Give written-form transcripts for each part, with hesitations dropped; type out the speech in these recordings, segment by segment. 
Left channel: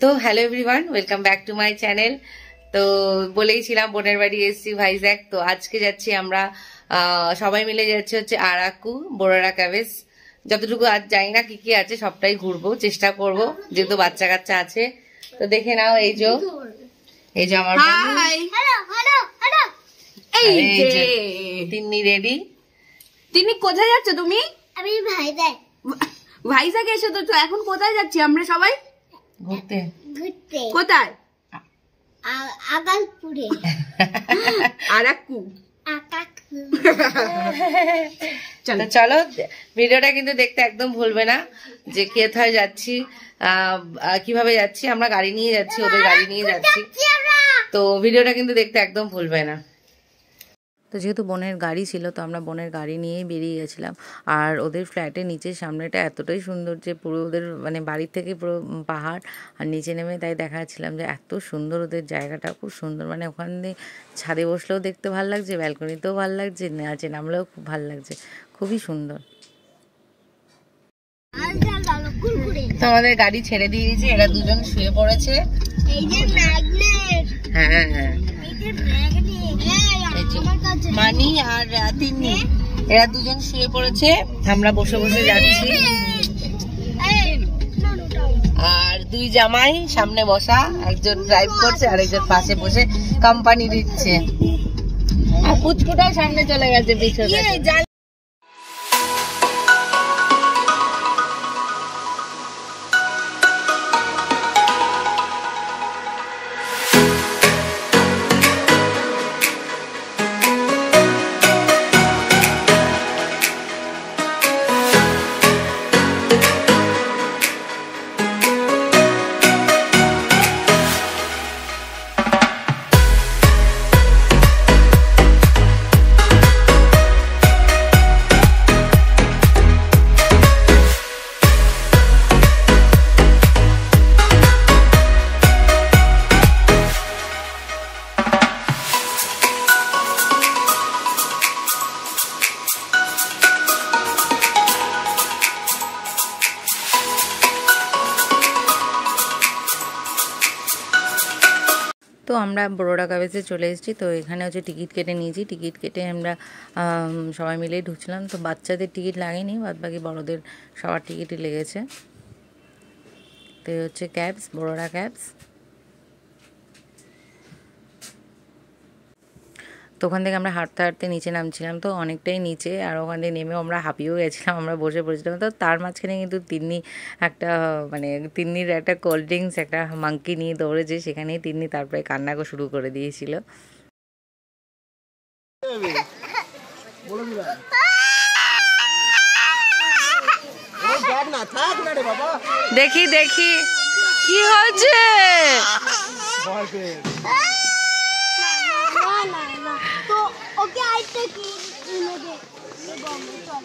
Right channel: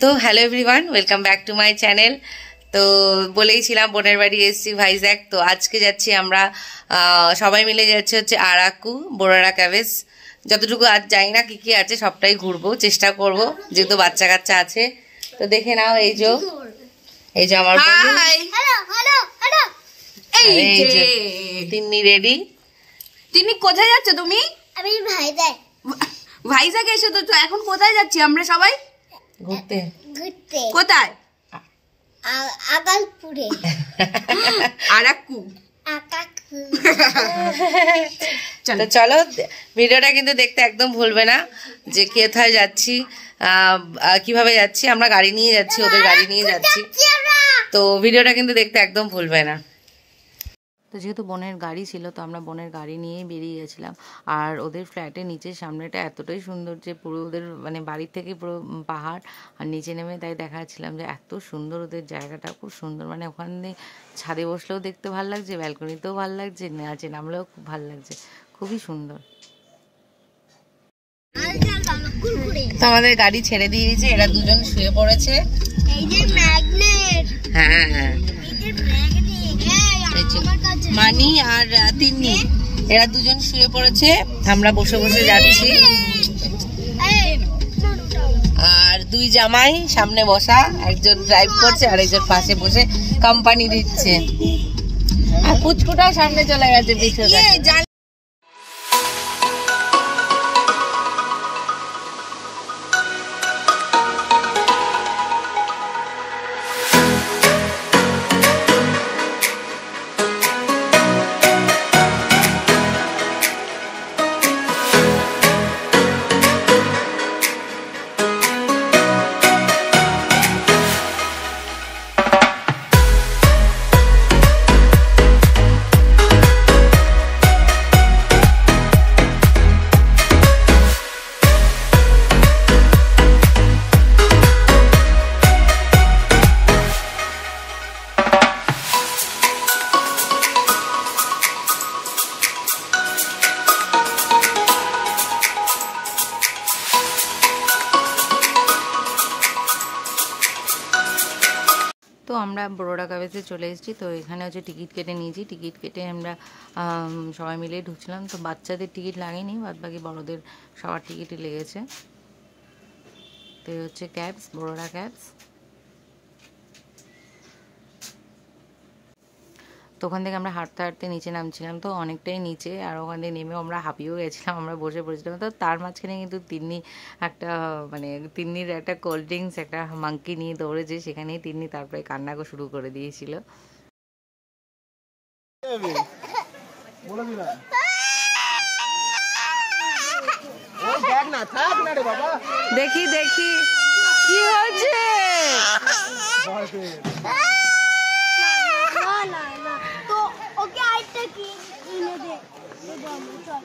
তো hello everyone, welcome back to my channel. তো বলেইছিলাম বোনের বাড়ি এসেছি ভাইজ্যাক। তো আজকে যাচ্ছি আমরা সবাই মিলে যাচ্ছি হচ্ছে আরাকু বোরারা ক্যাভেস। যতটুকু আজ জানি না কি কি আছে সবটাই ঘুরবো, চেষ্টা করব, যেহেতু বাচ্চা কাচ্চা আছে। তো দেখে নাও, এই যে আমার তিন্নি রেডি। তিন্নি কোথায় যাচ্ছ তুমি? আমি ভাইজ্যাক। ভাইজ্যাক এসে তো এখন কোথায় যাচ্ছি আমরা সবাই? ঘুরতে। কোথায়? আগালপুরে। আরাকু। চলো, ভিডিওটা কিন্তু দেখতে একদম ভুলবে না যে কোথায় যাচ্ছি, কিভাবে যাচ্ছি। আমরা গাড়ি নিয়ে যাচ্ছি, ওদের গাড়ি নিয়ে যাচ্ছি। তো ভিডিওটা কিন্তু দেখতে একদম ভুলবে না। তো যেহেতু বোনের গাড়ি ছিল, তো আমরা বোনের গাড়ি নিয়েই বেরিয়ে গেছিলাম। আর ওদের ফ্ল্যাটের নিচের সামনেটা এতটাই সুন্দর যে পুরো ওদের মানে বাড়ির থেকে পুরো পাহাড়, আর নিচে নেমে তাই দেখাচ্ছিলাম যে এত সুন্দর ওদের জায়গাটা, খুব সুন্দর। মানে ওখানে ছাদে বসলেও দেখতে ভালো লাগছে, ব্যালকনিতেও ভালো লাগছে, নিচে নামলেও খুব ভালো লাগছে, খুবই সুন্দর। তো আমাদের গাড়ি ছেড়ে দিয়ে দিয়েছে, এরা দুজন শুয়ে পড়েছে। হ্যাঁ হ্যাঁ, মানি আর তিন্নি এরা দুজন শুয়ে পড়েছে, আমরা বসে বসে যাচ্ছি। আর দুই জামাই সামনে বসা, একজন ড্রাইভ করছে আর একজন পাশে বসে কোম্পানি দিচ্ছে। আর পুচকুটাও সামনে চলে গেছে পিছনে। তো আমরা বোরারা ক্যাভেসে চলে এসেছি। তো এখানে হচ্ছে টিকিট কেটে নিয়েছি, টিকিট কেটে আমরা সবাই মিলেই ঢুকছিলাম। তো বাচ্চাদের টিকিট লাগেনি, বাদ বাকি বড়দের সবার টিকিটই লেগেছে। তো এই হচ্ছে ক্যাবস, বোরারা ক্যাবস। তো ওখান থেকে আমরা হাঁটতে হাঁটতে নিচে নামছিলাম, তো অনেকটাই নিচে, আর ওখান থেকে নেমেও আমরা হাঁপিয়েও গেছিলাম, আমরা বসে পড়েছিলাম। তো তার মাঝখানে কিন্তু তিন্নির একটা কোল্ড ড্রিঙ্কস, একটা মাঙ্কি নিয়ে দৌড়েছে, সেখানেই তিন্নি তারপরে কান্না শুরু করে দিয়েছিল। দেখি দেখি কি হয়েছে। তো ওকে আইতে কি দে চল।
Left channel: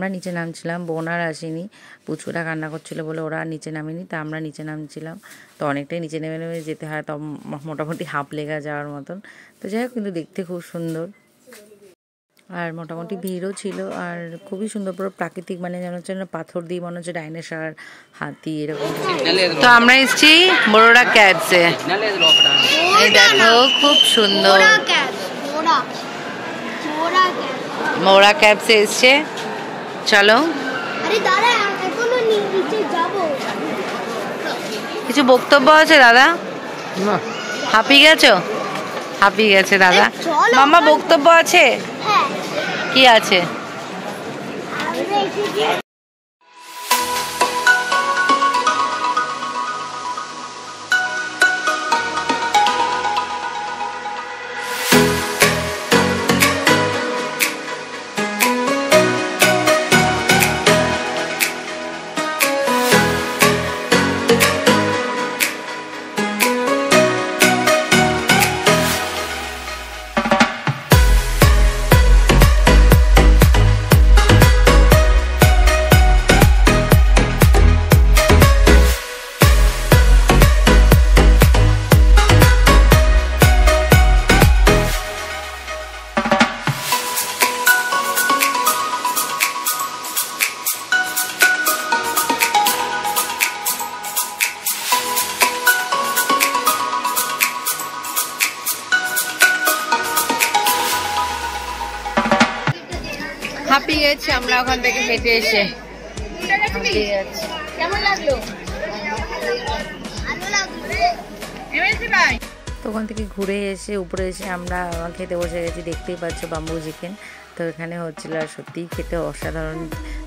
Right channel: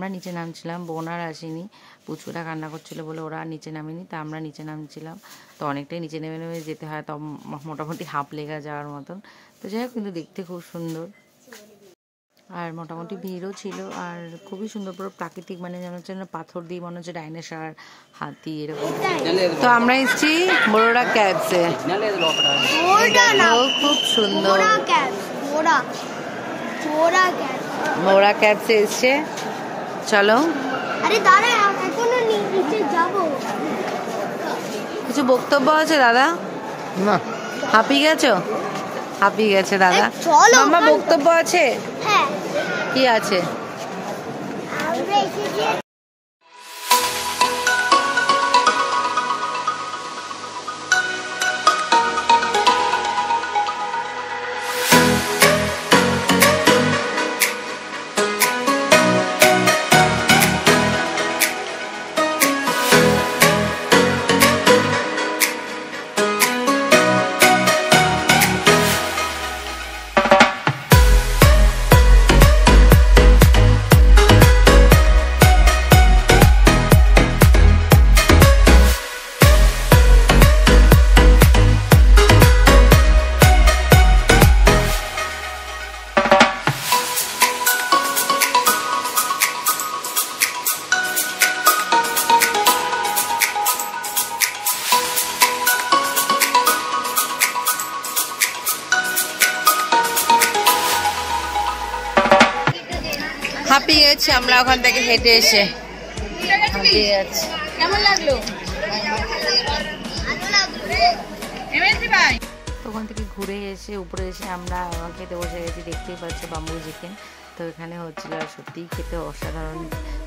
আমরা নিচে নামছিলাম, বোন আর আসেনি, পুচকুটা কান্না করছিলো বলে ওরা নিচে নামেনি, তা আমরা নিচে নামছিলাম। তো অনেকটাই নিচে নেমে নেমে যেতে হয়, তো মোটামুটি হাফ লেগে যাওয়ার মতন। তো যাই হোক, কিন্তু দেখতে খুব সুন্দর আর মোটামুটি ভিড়ও ছিল আর খুবই সুন্দর, পুরো প্রাকৃতিক, মানে যেন হচ্ছে পাথর দিয়ে মনে হচ্ছে ডাইনোসর, হাতি এরকম। তো আমরা এসেছি বড়োরা ক্যাবসে, এই দেখো খুব সুন্দর মোরা ক্যাবসে এসছে। চলো, কিছু বক্তব্য আছে দাদা? না, হাঁপিয়ে গেছো? হাঁপিয়ে গেছে দাদা। মামা বক্তব্য আছে? কি আছে? হাঁপিয়ে গেছি আমরা ওখান থেকে হেঁটে এসে। কেমন লাগলো? তো ওখান থেকে ঘুরে এসে উপরে এসে আমরা খেতে বসে গেছি, দেখতেই পাচ্ছ বাম্বু চিকেন। তো এখানে হচ্ছিল আর সত্যিই খেতে অসাধারণ।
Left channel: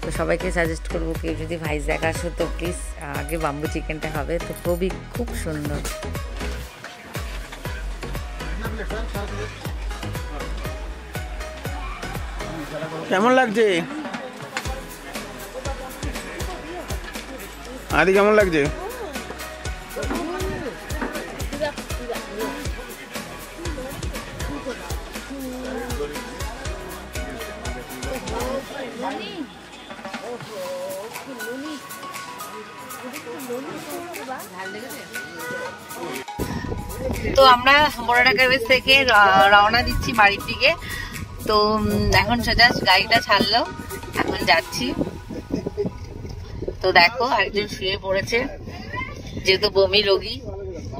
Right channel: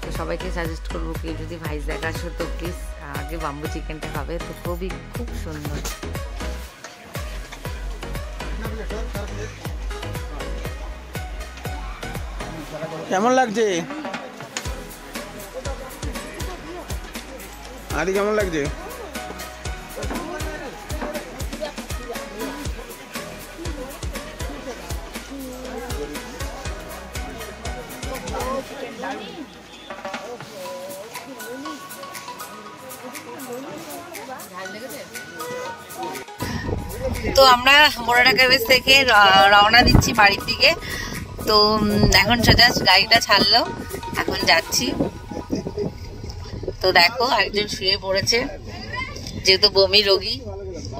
তো সবাইকে সাজেস্ট করবো, কেউ যদি ভাইজ্যাগ আসো তো প্লিজ আগে বাম্বু চিকেনটা খাবে, তো খুব সুন্দর। কেমন লাগছে আদি? কেমন লাগছে? তো আমরা বড়োরা ক্যাবেজ থেকে রওনা দিচ্ছি বাড়ির দিকে। তো এখন জাস্ট গাড়িটা ছাড়লো, এখন যাচ্ছি। তো দেখো আরেকজন শুয়ে পড়েছে, যেহেতু বমি রোগী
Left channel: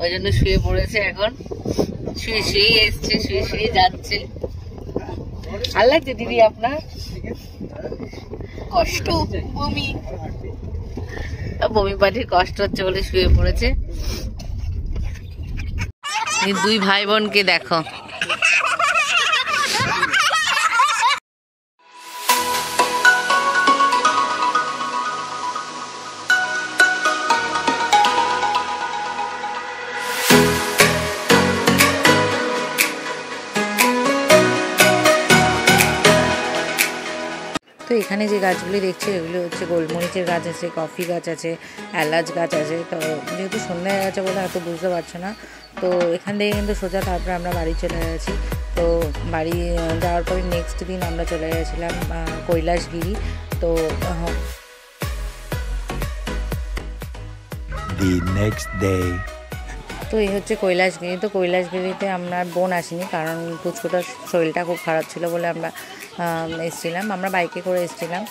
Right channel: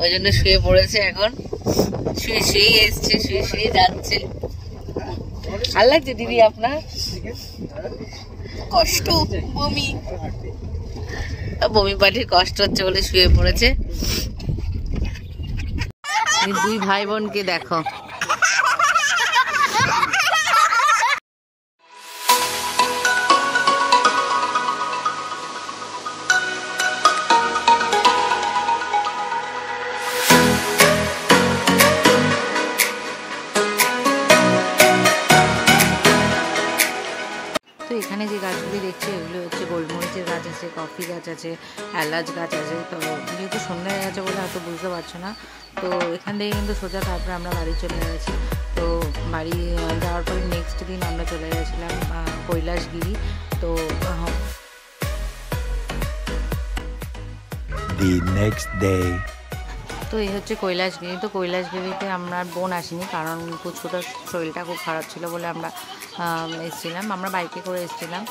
ওই জন্য শুয়ে পড়েছে। এখন শুয়ে শুয়ে এসছে, শুয়ে শুয়ে যাচ্ছে। আল্লাহ যে দিদি আপনার কষ্ট, বমি পাটির কষ্ট হচ্ছে বলে শুয়ে পড়েছে। দুই ভাই বোনকে দেখো। তো এখানে যে গাছগুলি দেখছি এগুলো হচ্ছে গোলমরিচের গাছ আছে, কফি গাছ আছে, এলাচ গাছ আছে। তো যেহেতু সন্ধ্যা হয়ে গেছে বলে হয়তো বুঝতে পারছো না। তো এখান থেকে কিন্তু সোজা তারপরে আমরা বাড়ি চলে গেছি। তো বাড়ি যাওয়ার পরে নেক্সট দিন আমরা চলে গেছিলাম কৈলাসগিরি। তো তো এই হচ্ছে কৈলাসগিরি। তো কৈলাসগিরিতে আমরা বোন আসিনি, কারণ পুচকুটার শরীরটা খুব খারাপ ছিল বলে আমরা এসেছিলাম। আমরা বাইকে করে এসেছিলাম।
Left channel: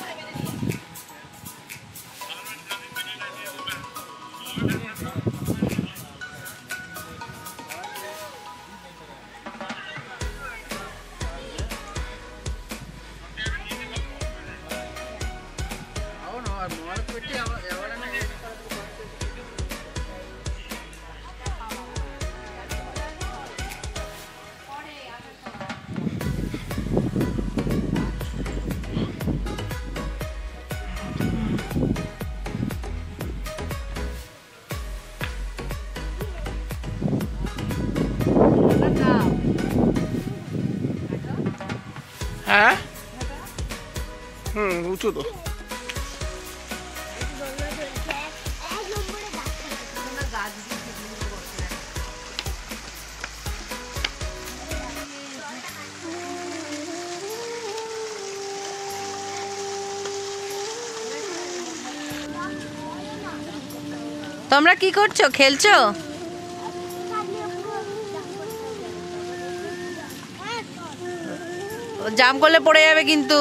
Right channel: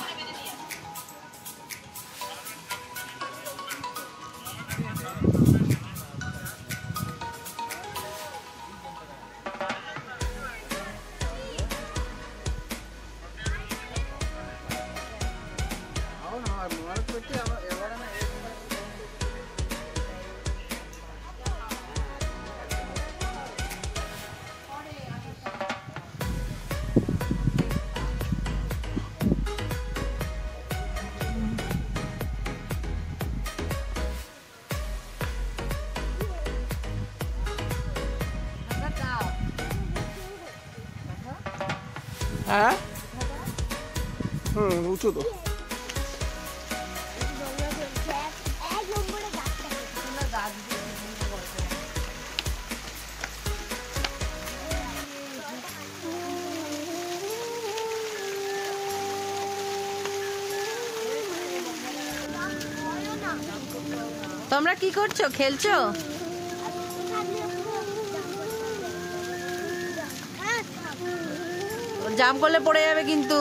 হ্যাঁ, উঁচু তো। তোমরা কি করছো, খেলছো? জাম করলে পড়ে যাবে কিন্তু।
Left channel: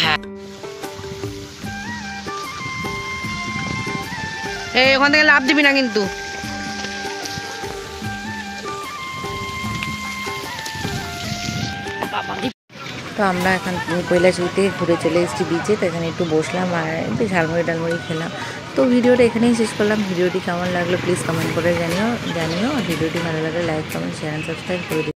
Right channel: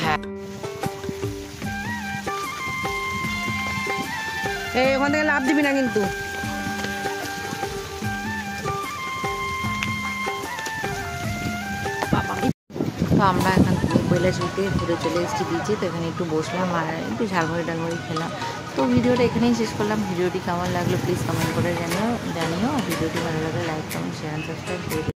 হ্যাঁ, এই ওখান থেকে লাফ দিবি না কিন্তু। তো আমরা এখন কৈলাসহর থেকে ঘুরে চলে এসেছি বিচে। তো এখানে একটু বসলাম আর একটু ঝালমুড়ি টালমুড়ি খেলাম। তো ভিডিওটা এখানেই শেষ করলাম। ভিডিওটি কেমন লাগলো প্লিজ কমেন্ট করে জানিও। আর ভিডিওটি ভালো লাগলে like comment share and subscribe করে দিও।